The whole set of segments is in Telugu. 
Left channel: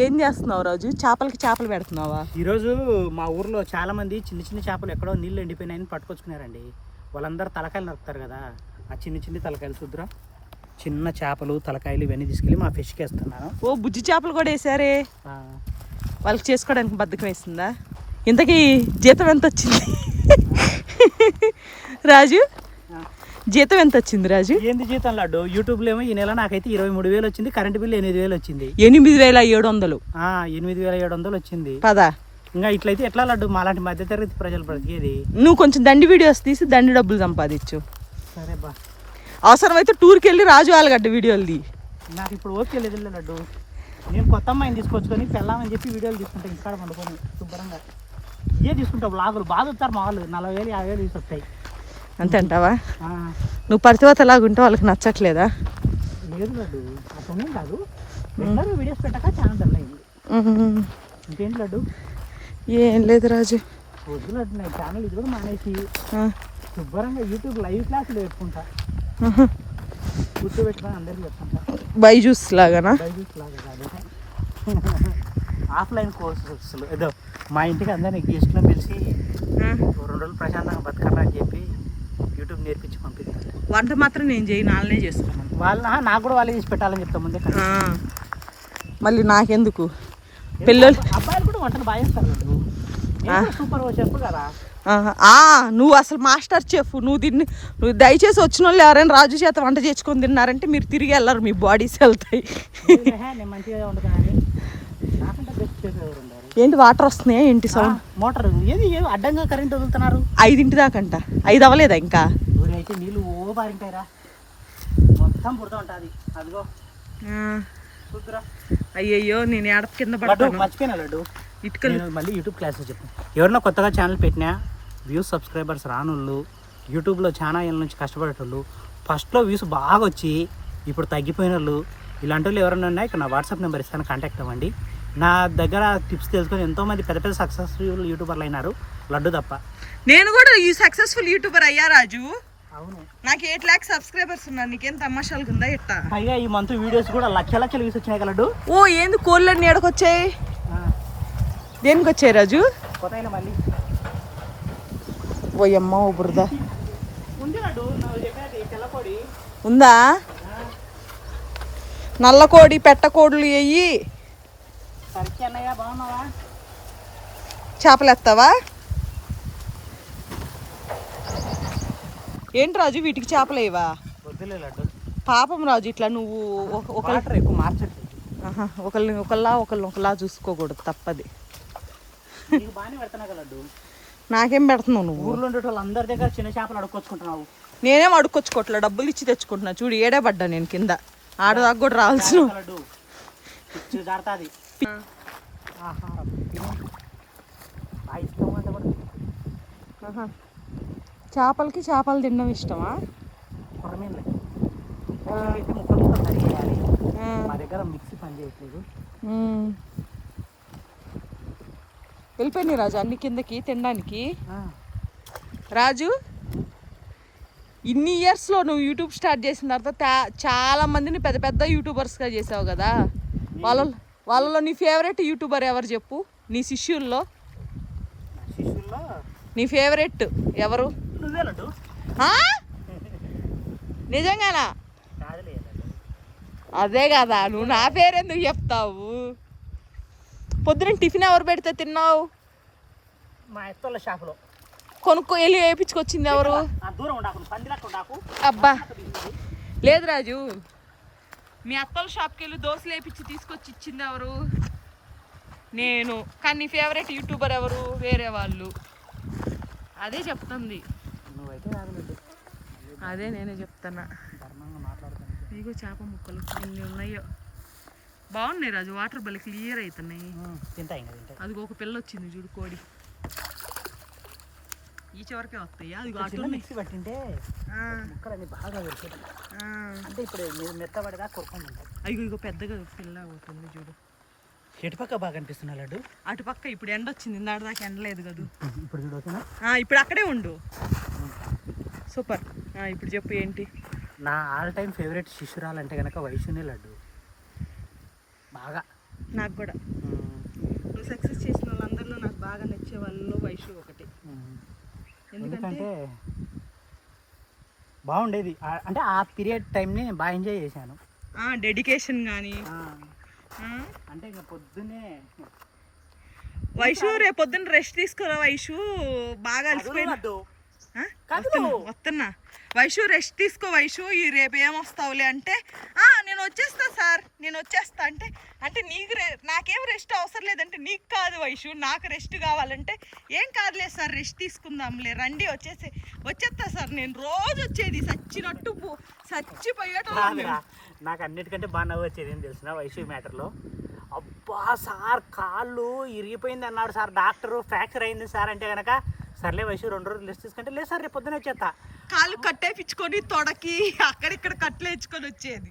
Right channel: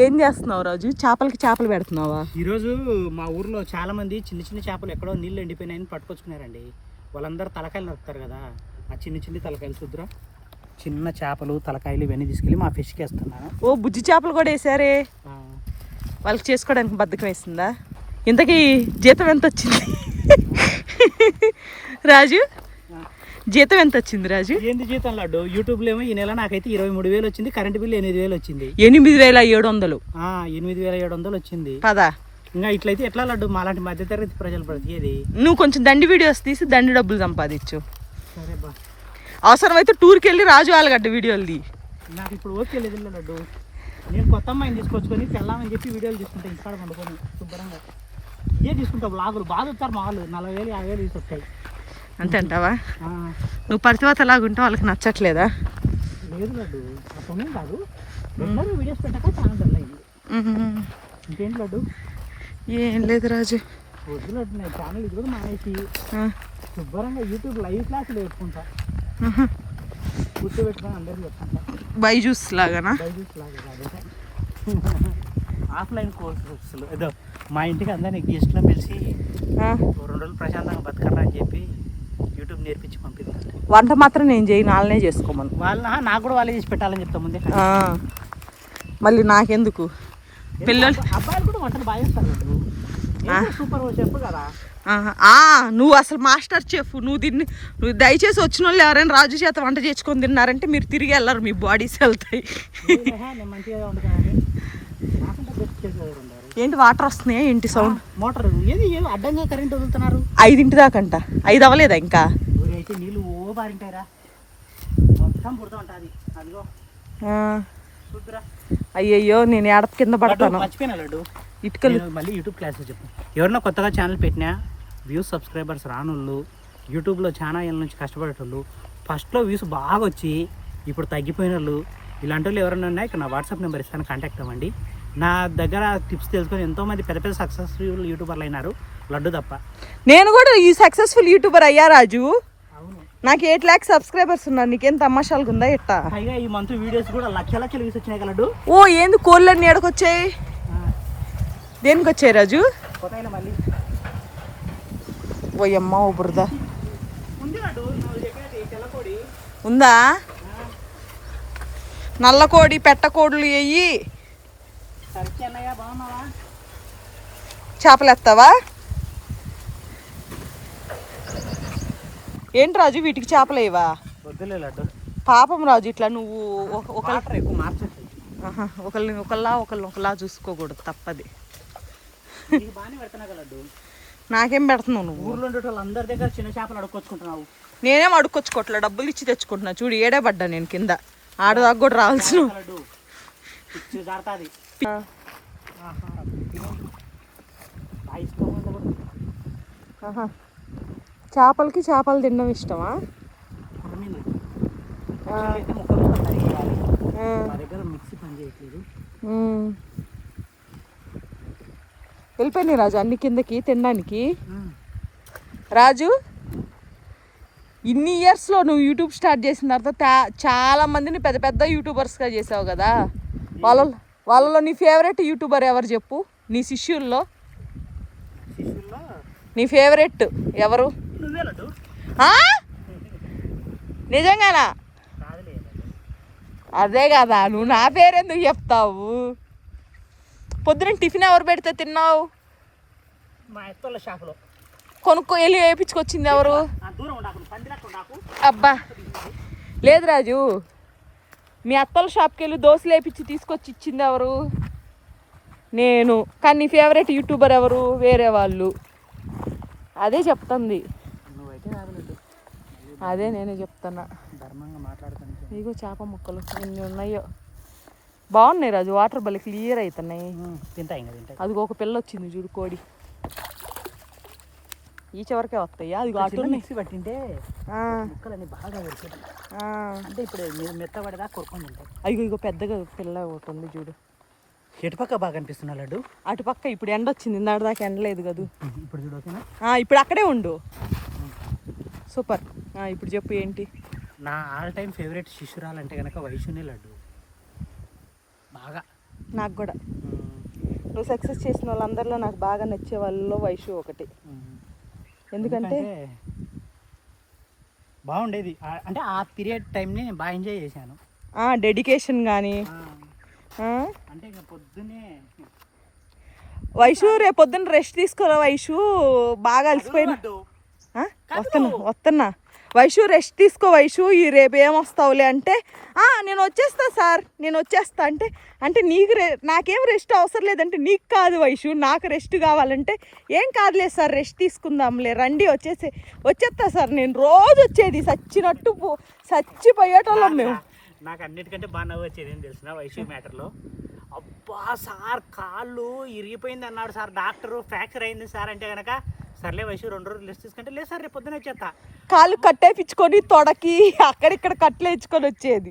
ఏం చేస్తున్నావు రాజు? చేపలు పెడుతున్నావా? ఈరోజు మా ఊర్లో చాలా మంది చిన్న చిన్న చేపలు ఎక్కడో నీళ్ళు ఎండిపోయినాయని పట్టుకొచ్చుకున్నారండి. వాళ్ళందరూ తలకాయలు నరుకుతారు కదా, ఆ చిన్న తలకాయలు చూద్దురా, చిన్న చేపలు తలకాయలు ఇవన్నీ తీసుకెళ్ళి మా ఫిష్కి వేస్తున్నాను. ఓ బుజ్జి చేపలు కూడా వేసారే. వాళ్ళకి చేసుకోవడానికి బద్ధకం వేసిందా? ఇంతకీ జీతం ఎంత వచ్చింది రాజు? జీతం ఎంత వచ్చింది రాజు? ఏంది జీతం లడ్డు? యూట్యూబ్లో ఏమో ఈ నెల నాకైతే 23,000 వచ్చింది. కరెంట్ బిల్ 8,000 వచ్చింది. 8,700. 8,700 వచ్చింది. పదా ఇంకా ఇట్లయితే ఎట్లా లడ్డు? మాలాంటి మధ్యతరగతి ప్రజలు బ్రతికేది. నువ్వు కొంచెం దండి వీడియోస్ తీసి దండి డబ్బులు సంపాదించు. సరే బా. అవసరమైతే టూర్కి వెళ్ళి రాజు ఆలగడ్డ వీడియోలు తీ. నాకు ఇప్పుడు ఓకే లేదు లడ్డు. నేను కొత్త అమ్మాయిని తీసుకొచ్చుకొని పెళ్ళామని చెప్పి వీడియోలు తీసుకుంటాను. ఇంటికాడ పండుకొని శుభ్రంగా ఇవే తీసుకుంటావు. బ్లాగులు బాగా వస్తారు మా వాళ్ళు. 40,000 50,000 తీసుకొస్తాయి. అంతే అంటావా? నువ్వు పరితివతలాగుంటే వాళ్ళకి నచ్చట్లేదా? లేదు లడ్డు, అసలు కాదు. అందరూ వీడియోస్ పెట్టాక ఛానల్ డల్ అయింది. ఇంకేంటి లడ్డు? ఏం లేదు రాజు. వద్దు లడ్డు, నా ఛానల్ ఇది కూడా మానేసి శుభ్రంగా యూట్యూబ్ లైవ్ క్లాసులు పెట్టుకుంటా. గుర్తు పెట్టుకొని అందరికీ చెప్తుంటా. బైజూస్ లాగానా? బైజూస్ లాగా కాదు, ఆఫ్లైన్ కోర్సెస్. ఏదో మా ఇంటికి అందరినీ గెస్ట్లను పిలిచి 2 రోజులు ప్రశాంతంగా బతకరా అని చెప్పి యూట్యూబ్ నేర్పించి పంపిస్తాను. వంట మాత్రం నేను చేయను, వాళ్ళనే చేసుకోమను. నాకు కూడా వాళ్ళే చేసి పెట్టాలని చెప్తాం ముందే. మళ్ళీ నాకెందుకు? పిల్లలు అబ్బాయిలు కూడా వంటలు బాగా చేస్తారు. సూపర్ చెఫ్ కదా నువ్వు అసలు మాస్టర్ చెఫ్. నువ్వు దయచేసి వచ్చిన వాళ్ళు ఎవరైనా రాజు చేత వంట చేసుకొని తిన్నారంటే మీరు తిరిగి వెళ్ళరు, మీ బాడీస్ వెళ్తాయి. నేను మంచిగా వండుతానని నాకంటే బెస్ట్ చేసేవారు ఉన్నారు. ఏంటి వాటర్ వస్తున్నాయా? ఏంటి సౌండ్? మోటార్ ఏది అడ్డంగా కరెంట్ వదులుతున్నారు. 5 దాకంట. 5 అవ్వలేదా ఇంకా? ఊరి అయితే నీళ్ళు ఓ బారింటాయిరా, మొత్తం పుడుతూ ఉంటుంది. అదిగో చూద్దురా. అయ్యయ్యో, నేను ఏడ కింద పడతాను. మర్చిపోయినా లడ్డు. ఇటుకలు మళ్ళీ యూట్యూబ్ క్లాస్లో చెప్పు. ఎవరన్నా కొత్తగా ఛానల్ పెట్టినా వ్యూస్ సబ్స్క్రైబర్స్ రానోళ్ళు, యూట్యూబ్లో చాలా ఏళ్ళ నుంచి కష్టపడేటోళ్ళు, ఫస్ట్లో వ్యూస్ బాగా వచ్చి ఇప్పుడు తగ్గిపోయిన వాళ్ళు, ఇలాంటి వాళ్ళు ఎవరైనా ఉన్నాయి ఇక్కడ నా వాట్సాప్ నెంబర్ ఇస్తాను, కాంటాక్ట్ అవ్వండి. నా దగ్గర టిప్స్ తెలుసుకొని ఎంతోమంది పెద్ద సక్సెస్ఫుల్ యూట్యూబర్లు అయినారు, లడ్డు తప్ప. నేను కూడా ఈ సక్సెస్ఫుల్ యూట్యూబర్ అయ్యా రాజు. అవును, నాకు 8 lakhs సబ్స్క్రైబర్స్ ఉన్నారు. నీకేం తమాషాలుగా ఉందా ఎట్టా? పైగా ఈ మంత్ వీడియోస్ కూడా లక్షల వ్యూస్ వచ్చినాయి లడ్డు. ఓ ఏంది కోళ్ళన్నీ ఎడకొచ్చాయి? దేనికి వచ్చాయి రాజు? కొత్త మళ్ళీ ఓయమ్మ ఓ బురద ఉందా? నల్లకోడి పెట్టకోడులు వెయ్యి. చేపలు ఎత్తావా? ఏంటి రాజు వీటికి చేపలు వేయవా? పాపం రాజు, ఇట్లా నువ్వు ఒకళ్ళ చూసుకోకూడదు, తప్పది. నాకేం పెడుతున్నావు నువ్వు? ఊర్లో ఉండే వాళ్ళందరి దగ్గర చిన్న చేపలు అడుక్కొచ్చుకుంటున్నావు. నేనేం అడుక్కొచ్చుకోవట్లే, డబ్బులు ఇచ్చి తెచ్చుకుంటున్నా. చూడు ఏడే పడ్డా నేను కింద. ఆడదాకా కూడా రావాల్సిన చేపలు తినడం ఇష్టమా? మిక్సీ పని చేయట్లేదు. వెళ్ళిపోయినాయి రాజు అన్ని కిందకి తినడానికి. రాజు, ఇన్ని ఇయర్స్లో నువ్వు యూట్యూబ్ స్టార్ట్ చేసిన తర్వాత చాలా మందిని పెద్ద యూట్యూబర్స్గా చేసావు కదా. వాళ్ళలో నీ ఫేవరెట్ యూట్యూబర్ ఎవరు చెప్పు? నీ శిష్యుల్లో నీ ఫేవరెట్ ఎవరు? నిజంగానా? అదే కదా, నువ్వు నా పేరెందుకు చెప్తావు? పొద్దున టిఫిన్ ఎవరు పెడితే తిన్నావు? మా ఎత్తోళ్ళ షాపులో కొనుక్కో వెళ్ళి వేయించుకొచ్చింది ఎవరు? అబ్బా లేదు రాజు, మీ అత్తల షాప్కి వెళ్ళి దోశలు వేయించి తీసుకొచ్చి ఇచ్చింది ఎవరు? నేను. కానీ నీ ఫేవరెట్ యూట్యూబర్ ఎవరు? వేరే వాళ్ళు. అదే చెప్తుంది. అదే నేనే చెప్తున్నా. ఇగో చేప ముక్కలు ఎన్ని ఉన్నాయో. బాగున్నాయి రాజు, వాటర్ బలి క్లియర్ అవుతున్నాయి. అది ఒక పిల్ల వచ్చింది చూడు, కోడి. ఈ చివరికే వస్తాయా? అది అటు మిక్సీ పట్టింటే బాగా అంటే ఇప్పుడు మెత్తబడిగా కొడుకుని ఉంటాయి. ఇగో పెద్దగా పిల్ల ఒకటి ఉంది చూడు. ఎటుపక్క బాగా అనిపిస్తున్నా లడ్డు? అటుపక్క ఇప్పుడు ఎండ వచ్చింది, ఇందాటి దాకా ఎండ లేదు కదా. ఇప్పుడు చూడు ఓకేనా? ఇప్పుడు అక్కడే ఉండు. సూపర్. ఇప్పుడు చెప్పు ఏంటి? నా ఆల్ టైమ్ ఫేవరెట్ శిష్యురాలు అంటే కనుక వైష్ణవి లడ్డు. బాగా నాకు కూడా. నువ్వు సక్సెస్ చేసిన వాళ్ళందరిలో నాకు బాగా నచ్చే వాళ్ళలో వైషు ఒకటి. ఎందుకంటే బాగుండేది, అంటే ఆ పీరియడ్ టైంని బాగా ఎంజాయ్ చేశాను. డెడికేషన్ కానీ అంటే ఇంకా పొద్దున్నే వైషు రేపు పొద్దున్న రెస్ట్ తీసుకోరా వైషు, బాగా అలసిపోయినా. వస్తున్నా వైషు, రెస్ట్ తీసుకో వైషు, ఈ రేపు ఏమొస్తావులే అంటే నేను వచ్చేస్తా సార్, నేను వచ్చేస్తా అంటే, అంటే నీకు నాకేం రెస్ట్ అవసరం లేదంటే నీకు కాదు వైషు, నాకు రెస్ట్ కావాలంటే ఏం కాదులే సార్, రెస్ట్ తీసుకుందాంలే, రండి వచ్చేస్తా సార్, నేను రోజు వచ్చేది చచ్చినట్టు చచ్చిపోయేటోళ్ళం. నాకు అన్నిటికంటే బాగా నవ్వు వచ్చేది ఏం తెలిసిన వైషు మ్యాటర్లో, అబ్బా సార్ కాళ్ళు ఇరిగిపోయింది అన్నాడు సార్ డాక్టరు, ఫ్రాక్చర్ అయింది సార్ అంటే కనుక సర్లే వైషు 2 రోజులు రెస్ట్ తీసుకుంటే లేదు సార్ రేపు పొద్దున వచ్చేస్తా, కాళ్ళు కట్టేపించుకొని తొడకి అక్కడిక్కడ కట్లు వేయించుకొని వచ్చేది.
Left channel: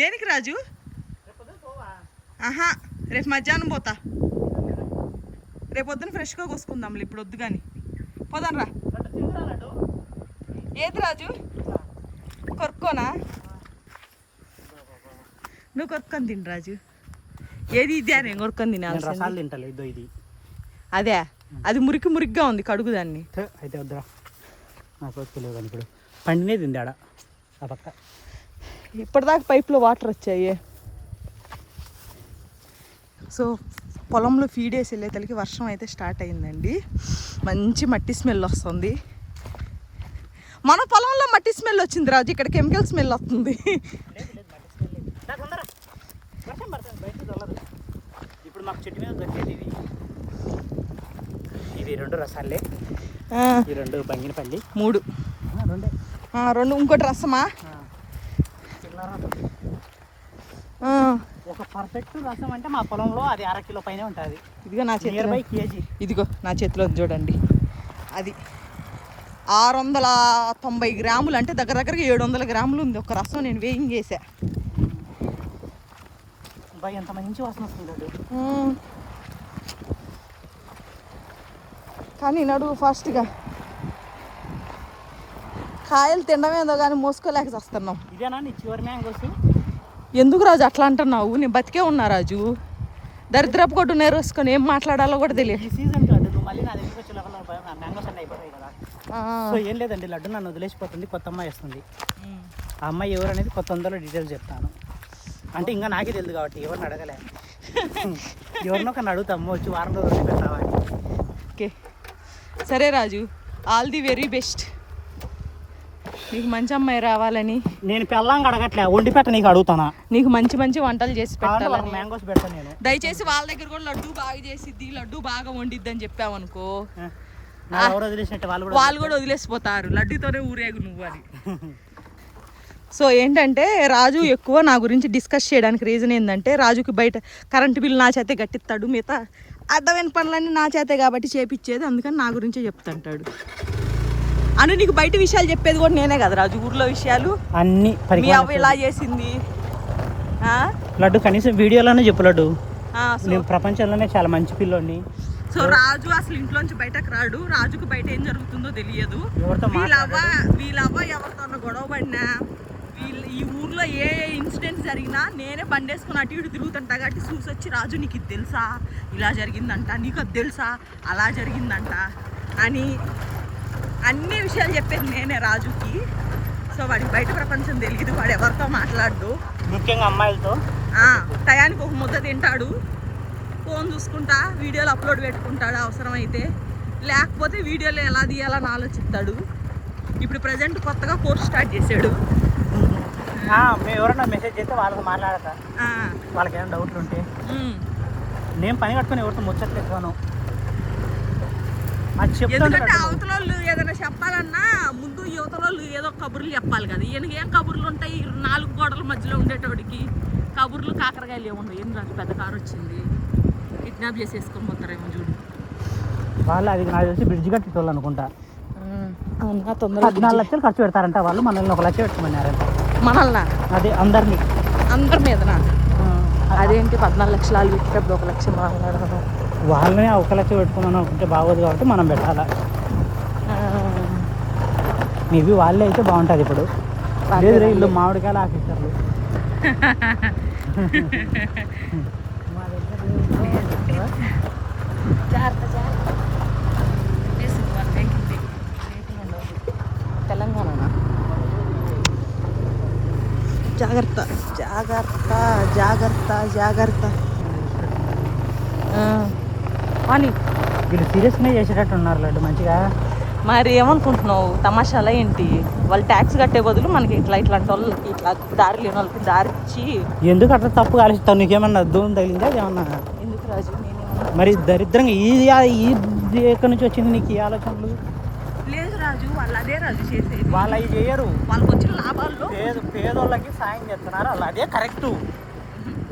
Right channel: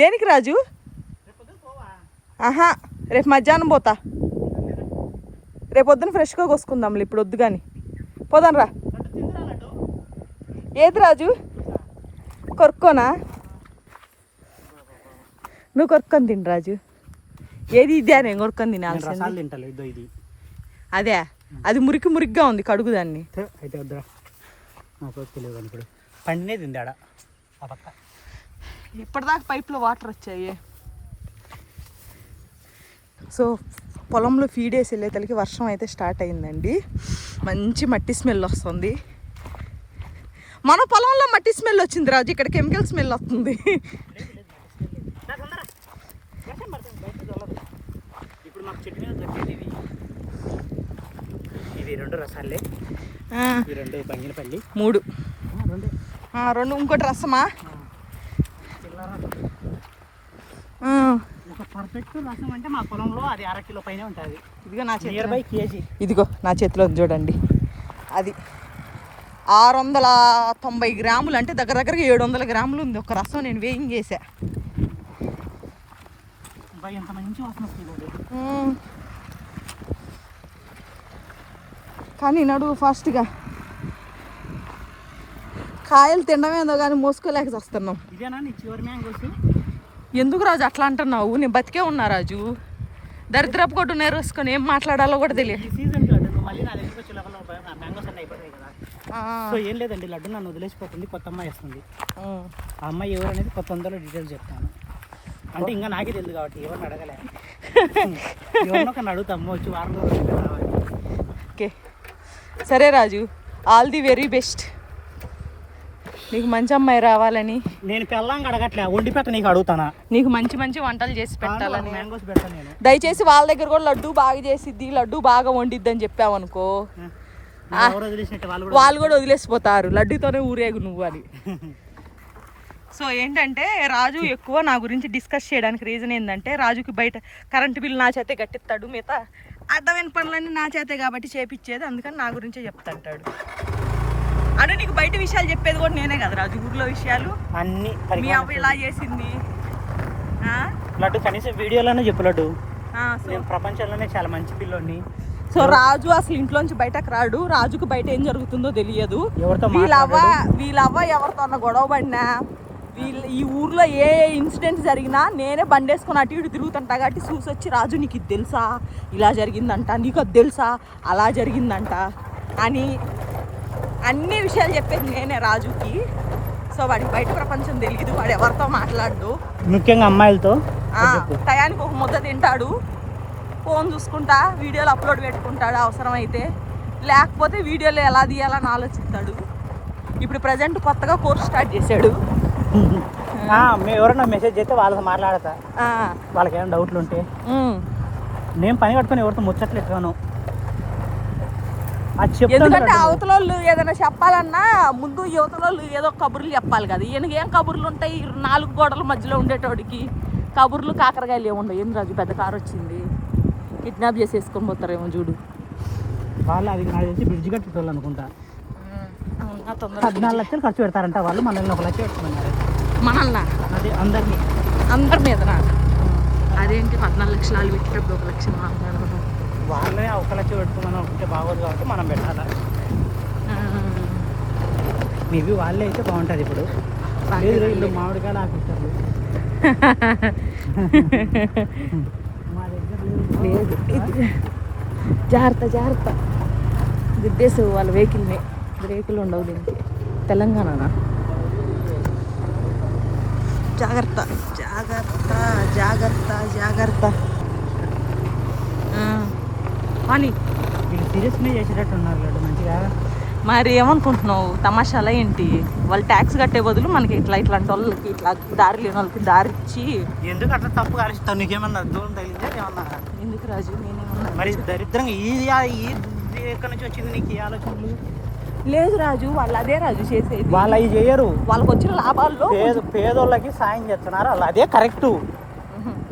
దేనికి రాజు? రేపు మధ్యాహ్నం పోతా, రేపు పొద్దున ఫ్రెష్గా కోసుకుందాంలే, ఇప్పుడు వద్దు కానీ పోదాం రా. ఏది రాజు కొరుక్కోనా? నువ్వు కొరుక్కొని తిని రాజు. ఏది ఇదే నేను కొరుక్కొని తినాల్సింది. ఇది అదే, అది మురికిగా ఉంది, కడుగు దాన్ని. అయితే వద్దురా, నాకు తెలియదు ఇప్పుడు పండినే తిందాడ. ఇప్పటిదాకా పైప్లో వాటర్ వచ్చాయి. సో పొలంలో ఫీడ్ వేసి వెళ్ళేతలకి వర్షం అయితే స్టార్ట్ అయిందండి. మంచి మట్టి స్మెల్ వస్తుంది. మన పొలంలో మట్టి స్మెల్ వచ్చింది రాజు, ఇక్కడ కెమికల్ స్మెల్ వస్తుంది. ఇప్పుడు మాకు చెట్టు మీద దొరికేది ఇది 2 రసాలే, ఈ 2 బంగినపల్లి, 3 ఇంకోటి రసమా. ఒక పర్ఫెక్ట్ రసం అంటే మా పొలంలో అది 1/2 కిలో పైన ఉంటుంది. ఇదిగో నా నియర్ బై కేజీ, ఇదిగో నా చేతిలో చూడండి, అది 690 గ్రాములు, అంటే దగ్గర 700 గ్రాములు ఉంది ఒక రసం. నేను వేయింగ్ వేసా. ఎంత మంచి వాసన వస్తుంది. కానీ నడువు ఫాస్ట్గా, కాయలు తినడమేదో కానీ మోసుకోలేక వస్తున్నాం. ఇదేనా నీ చివరి మ్యాంగోస్? ఎందుకు రాజు అట్లా అంటున్నావు? నేను బతికే ఉన్నా రాజు, దరిద్రపు కొట్టు నేరేసుకొని ఏం మాట్లాడాలో కూడా తెలియదు. ఈ సీజన్ లడ్డు నువ్వు మళ్ళీ నా దగ్గరికి వచ్చే లెవెల్లో మ్యాంగోస్ అన్నీ అయిపోతాయి కదా. సో ఏం లేదండి, లడ్డు నన్ను వదిలేసిపోతుంది, కొత్త అమ్మాయి వస్తుంది. ఆ అమ్మాయి ఎవరు అనేది కొత్త వందలో డీటెయిల్స్ చెప్తాను. అంటే ఇంకా నాకే తెలియదు కాబట్టి ఎవరిని అడగలే, ఎవరినో ఒక అడుగుతాము వచ్చి వారం రోజులు పెట్టావని. ఓకే సరే రాజు, ఆల్ ది వెరీ బెస్ట్, నీకు మంచి అమ్మాయి రావాలని. నేను పెళ్ళాంగా అడగట్లే, వండి పెట్ట నీకు అడుగుతానా, నీకు మంచి వంటలు చేసి పెట్టాలని. మ్యాంగోస్ పెడతాను నేను. దయచేసి వాళ్ళ దగ్గర కూడా లడ్డు బాగా చేసిద్ది, లడ్డు బాగా వండిద్ది అని చెప్పావనుకో, వాళ్ళు కూడా వదిలేసిపోతారు, లడ్డుతోనే ఊరేగు నువ్వు అని. సో ఏంటంటే రాజు ఎక్కువ నా గురించి డిస్కస్ చేయడానికి రీజన్ ఏంటంటే, రాజుకి బయట కరెంటు బిల్లు నా చేతే కట్టిస్తాడు, మిగతా అడ్డమైన పనులన్నీ నా చేతే కాబట్టి చేపించేది, అందుకని నా గురించే చెప్తాంటాడు. అంటే నీకు బయట విషయాలు చెప్పేది కూడా నేనే కదా రాజు, ఊర్లో విషయాలు అన్ని. మీ అవ్వ ఇలా చేసింది లడ్డు, కనీసం వీడియోలోనే చెప్పు లడ్డు, ప్రపంచంలోనే చాలా మంచి పిల్లోని. సో రాజు అసలు ఇంట్లోంచి బయటకు రాడు, రాజుకు బయట ఏం జరుగుతుందో తెలియదు. వీళ్ళవ్వ ఎవరితో గొడవ పడినా, ఈ ఊర్లో ఏ ఇన్సిడెంట్ జరిగినా నేనే బండేసుకొని అటు ఇటు తిరుగుతుంటా కాబట్టి చూసి వచ్చి, రాజు నీకు ఇది తెలుసా, ఇలా జరిగిందంట, నీకు అది తెలుసా, అలా జరిగిందంట అని అన్ని విషయాలు చెప్పేది నేనే రాజుకి. సో వాడికి బయట ప్రపంచం తెలియదు, వాడు ఎవరితో మాట్లాడు, ముఖ్యంగా అమ్మాయిలతో. టయానికి ఒక ముద్ద తింటాడు, ఫోన్ చూసుకుంటా, వీడియోలు అప్లోడ్ పెట్టుకుంటాడు అవసరమైతే, లేకపోతే వీడియోలు ఎలా తీయాలని ఆలోచిస్తాడు. ఇప్పుడు ప్రజెంట్ కొత్తగా కోర్స్ స్టార్ట్ చేశాడు. ఎవరైనా మెసేజ్ చేస్తే వాళ్ళకి మాట్లాడతా, వాళ్ళకి ఏమైనా డౌట్లు ఉంటే. నేను పని కట్టుకుని ఎవరితో ముచ్చట్లేదు, ఎందుకంటే అవతల వాళ్ళు ఏదైనా చెప్పాలన్నా ముందు యువతల వాళ్ళు ఏదో కబుర్లు చెప్పాలి కదా. ఈయనకి ఏం కబుర్లు ఉంటాయి, 4 గోడల మధ్యలో ఉండేటోడికి కబుర్లు కాకరకాయలు ఏముండవు. ఏం రాజు పెద్ద కారు వచ్చింది, కిడ్నాప్ చేసేసుకొని పోతారేమో చూడు. వాళ్ళు అది నాకు తెలిసి బ్రిడ్జ్ కట్టేటోళ్ళు అనుకుంటా. 14 లక్షలు ఖర్చు పెడతారంట వాళ్ళు, మనల్ని 1 లక్ష పెట్టుకున్నారు. మనల్ని అదే అందరి మీదనా? అదేంటి 14 లక్షలు వాళ్ళు పెట్టేటప్పుడు 1 లక్ష వాళ్ళనే 1 లక్ష పెట్టుకున్నాను అంటే బాగోదు కాబట్టి మనం పెట్టాలా. మేబీ వాళ్ళే అయితే బాగుంటుంది. ఇప్పుడు ఇల్లు మామిడికాయలు ఆఫీసర్లు జాగ్రత్త జాగ్రత్త గుద్దేసి వాళ్ళ వెహికల్ ఉండవు తెలంగాణ. జాగ్రత్త జాగ్రత్త జాగ్రత్త జాగ్రత్త. అని వీళ్ళు సీరియస్గా చేసేటట్టు ఉన్నారు లడ్డు మంచిగా. మరి ఏమనుకుంటున్నావు తమాషాలా ఏంటి? వాళ్ళు ట్యాక్స్ కట్టే బదులు మనకి ఇట్లాంటి వాళ్ళకి ఇట్లా దారి లేని వాళ్ళకి దారి ఇచ్చి ఎందుకు అట్లా తప్పు కాలేస్తావు? నీకేమన్నా అర్థం తగిలిందా ఏమన్నా? ఎందుకు రాజు మరి దరిద్రంగా ఈ ఎక్కడి నుంచి వచ్చింది నీకు ఈ ఆలోచనలు? లేదు రాజు, వాళ్ళు అదే రాజు చేసేది. వాళ్ళు అవి చేయరు. వాళ్ళకి వచ్చిన లాభాల్లో పేదోళ్ళకి సాయం చేస్తున్నారు, వాళ్ళు అదే కరెక్టు.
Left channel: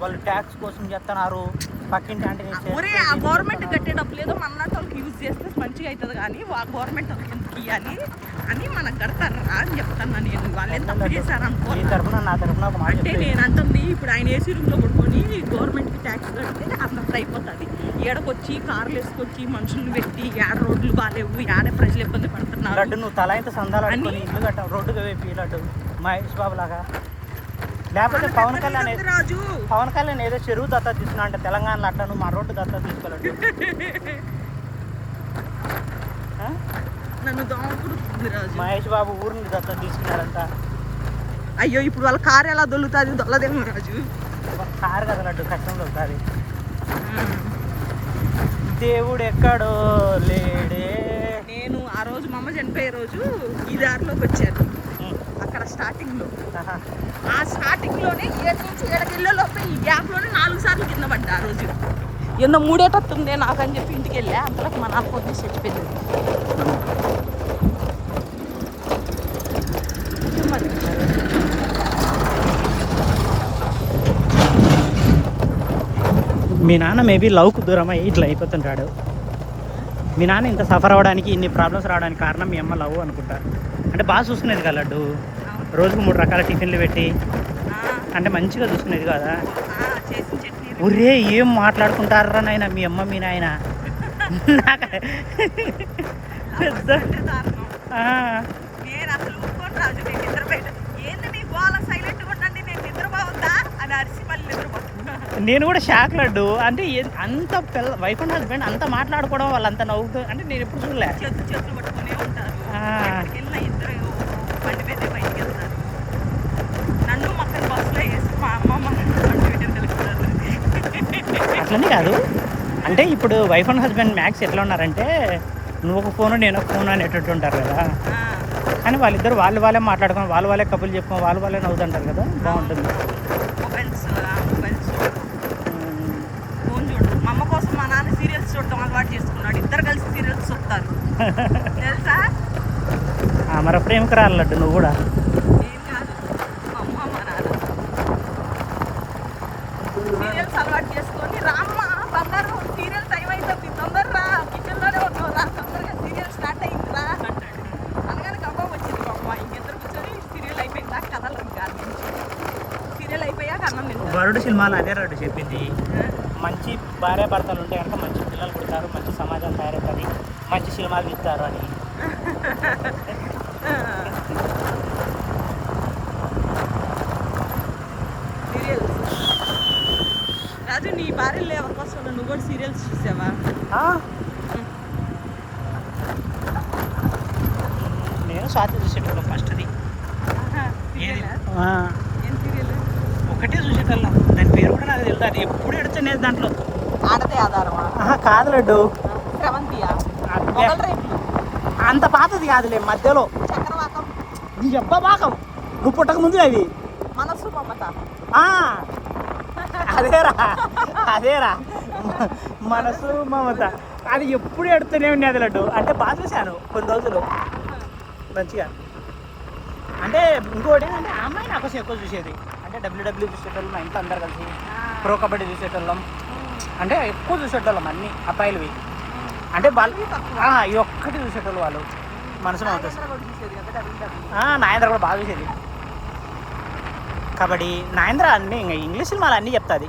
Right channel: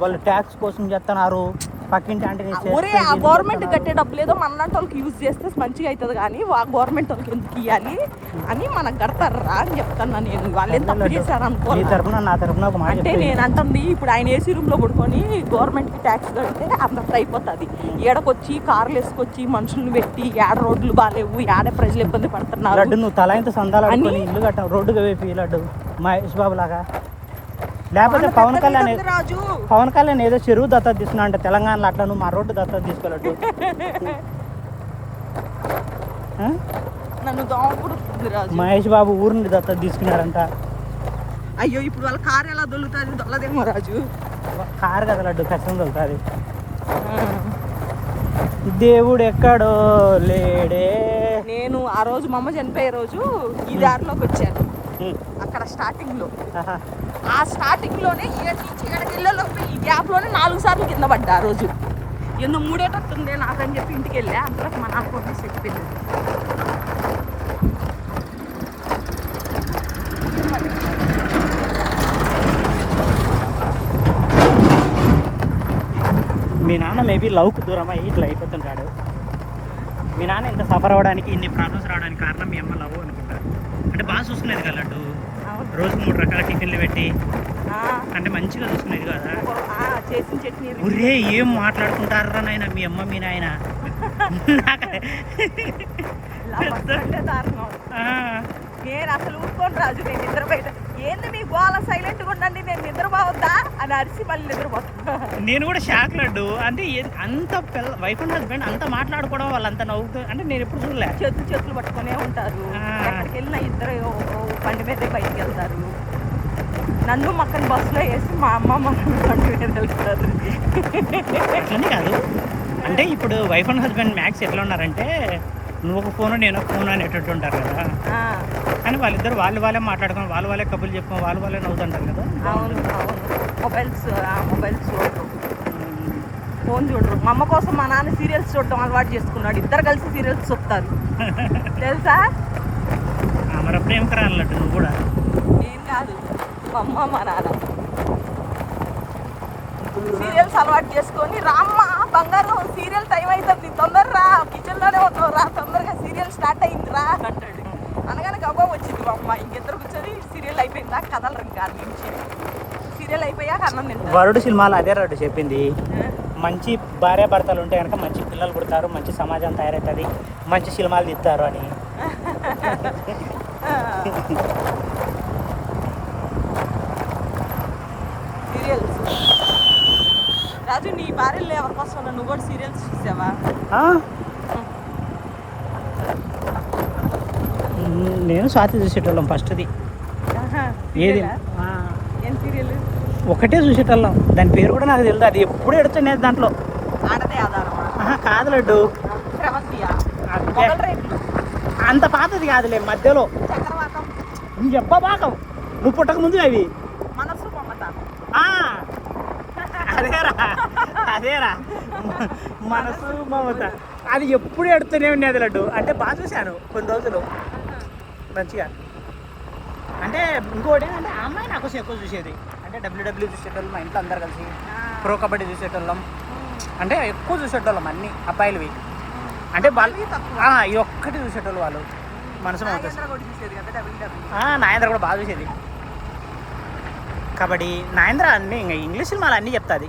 వాళ్ళు ట్యాక్స్ కోసం చేస్తున్నారు, పక్కింటి ఆంటీని ఒరే ఆ గవర్నమెంట్ కట్టే డబ్బులు ఏదో మనలాంటి వాళ్ళకి యూజ్ చేస్తే మంచిగా అవుతుంది, కానీ ఆ గవర్నమెంట్ వాళ్ళకి ఎందుకు ఇవ్వాలి అని మనకు కడతారు రా అని చెప్తాను నేను. వాళ్ళు ఏం తప్పు చేశారు అనుకో. అంటే నేను అంటుంది ఇప్పుడు ఆయన ఏసీ రూమ్లో పడుకొని గవర్నమెంట్కి ట్యాక్స్ కడితే అంత అయిపోతుంది. ఏడకొచ్చి కార్లు వేసుకొచ్చి మనుషుల్ని పెట్టి ఏడ రోడ్లు బాగాలేవు, ఏడ ప్రజలు ఇబ్బంది పడుతున్నారు. నువ్వు తల ఇంత సందాలు ఇల్లు కట్టావు, రోడ్డు వేపి లడ్డు మహేష్ బాబు లాగా. లేకపోతే పవన్ కళ్యాణ్ ఏదో చెరువు దత్తత తీసుకున్నా అంటే తెలంగాణలో అట్లా నువ్వు మా రోడ్డు దత్తత తీసుకోలేదు. నన్ను దోమకుడుతుంది రాజు. మహేష్ బాబు ఊరిని దత్తత తీసుకున్నాడంట. అయ్యో ఇప్పుడు వాళ్ళ కారు ఎలా దొల్లుతుంది? దొల్లదేమో రాజు. కారు కదా లడ్డు, కష్టం దొరుకుతుంది. దేవుడు ఎక్కడో లేడే. నేను ఆ రోజు మా అమ్మ చనిపోయే రోజు ఈ దారిలోకి వచ్చాను. అక్కడ స్టార్టింగ్లో ఆ స్టార్టింగ్లోనే 7 నుంచి 7కి వెళ్ళేలోపు ఈ గ్యాప్లోనే 4 సార్లు కింద పడ్డా. ఆ రోజు ఎన్నో మూడేటట్టుందే నాకని చెప్పి ఇంటికి వెళ్ళా. అంతలోకి మా నాన్న పొద్దు చచ్చిపోయింది. మీ నాన్న మేబీ లవ్కు దూరమై ఇట్లా అయిపోతుంటాడు. మీ నాన్న ఇంత సఫర్ అవ్వడానికి, ఇన్ని ప్రాబ్లమ్స్ రావడానికి కారణం మీ అమ్మ లవ్ అనుకుంటా. అంటే బాగా చూసుకునేది కదా లడ్డు, రోజుకు 3 రకాల టిఫిన్లు పెట్టి అంటే మంచిగా చూసుకునేది కదా. ఒరే ఏం మాట్లాడుకుంటారా నాయన మీ అమ్మ మీ నాయన. నేను అసలు ఊరుకోను రాజు. నేను నిద్ర బయట ఏంది మీ గోళ సైలెంట్గా ఉండండి, నేను నిద్రపోవద్దా అని అరిసి మళ్ళీ నిద్రపోతున్నా. నేను కూడా షాక్ లడ్డు. అంటే అంత వైఫ్ అండ్ హస్బెండ్ అంత మాట్లాడుకోవడం, వాళ్ళు అంత నవ్వుతూ అంటే నేను ఎప్పుడు చూడలే. చేతులు పట్టుకునే ఉంటారు. ఎక్కడికి వెళ్ళినా ఇద్దరు బండి మీదే బయటికి వెళ్తారు. నన్ను మక్కని బస్సులో వేసి మా అమ్మ బండి మీద వెళ్తున్నారు. అట్లనే కాదు, అంటే ఇప్పుడు వైఫ్ అండ్ హస్బెండ్ మ్యాక్స్ ఎట్లా ఉన్నారంటే నువ్వు ఒక ఫోను నేను ఒక ఫోను అనేటట్టు ఉంటారు కదా. కానీ వాళ్ళిద్దరు వాళ్ళే మాట్లాడుకొని వాళ్ళే కబుర్లు చెప్పుకొని వాళ్ళే నవ్వుతుంటారు కదా, బాగుంటుంది. మొబైల్స్ ఫోన్ చూడరు. మా అమ్మ కోసం మా నాన్న సీరియల్స్ చూడటం అలవాటు చేసుకున్నాడు. ఇద్దరు కలిసి సీరియల్స్ చూస్తారు తెలుసా. మరి ప్రేమకు రాలట్టు నువ్వు కూడా. కాదు మా అమ్మ మా నాన్న సీరియల్స్ అలవాటు చేసుకొని రామ్మ బంగారం సీరియల్ టైం అయిపోతుంది తొందరరా కిచెన్లోనే ఉన్నావు రా, తొందరగా సీరియల్ స్టార్ట్ అయింది రా అనగానే గబ్బా వచ్చింది. మా అమ్మ ఇంకిద్దరు కూర్చొని సీరియల్ అయిపోయిందా కథలు కాదు, సీరియల్ అయిపోయాక అన్నం తింటారు. వరుడు సినిమాలో అదే రాడు చెప్పింది, మంచి భార్యాభర్తలు ఉంటే కనుక మంచి పిల్లలు పుడతారు, మంచి సమాజం తయారవుతుంది, మంచి సినిమాలు తీస్తారు అని. సీరియల్స్ రాజు, నీ భార్యలో ఎవరికోసం నువ్వు కూడా సీరియల్స్ చూసావా? నేను స్వాతి చూసేటోళ్ళం ఫస్ట్ది. ఏది ఏం సీరియల్? ఒకటే చూసేటోళ్ళం, దాని పేరు కూడా నాకు తెలియదు. అది ఎప్పుడు ఎడుతున్నాయి దాంట్లో. ఆడదే ఆధారం కాదు లడ్డు, చక్రవాకం అంత పాతది కాదులే, మధ్యలో నువ్వు చెప్ప భాగం నువ్వు పుట్టక ముందు అది. మనసు మమత. అదేరా మనసు మమత. అది ఎప్పుడు ఎడుతూనే ఉండేది లడ్డు. అంటే బాగా చూశాను కొన్ని రోజులు మంచిగా. అంటే ఇంకోటి ఏంటంటే ఆ అమ్మాయి నాకు ఎక్కువ చూసేది. అంటే డబ్ల్యూడబ్ల్యూ చూసేటోళ్ళం, మా ఇంట్లో అందరు కలిసి ప్రో కబడ్డీ చూసేటోళ్ళం. అంటే ఎక్కువ చూసేటోళ్ళం అన్ని అబ్బాయిలవి. అంటే వాళ్ళు ఈ ఒక్కటి చూసేటోళ్ళు వాళ్ళు మనసు మమత. నాయంద్ర కూడా బాగా చూసేది కబడ్డీ. నాయంద్ర అన్నీ ఇంకా ఇంగ్లీష్ సినిమాలు అన్నీ చెప్తుంది.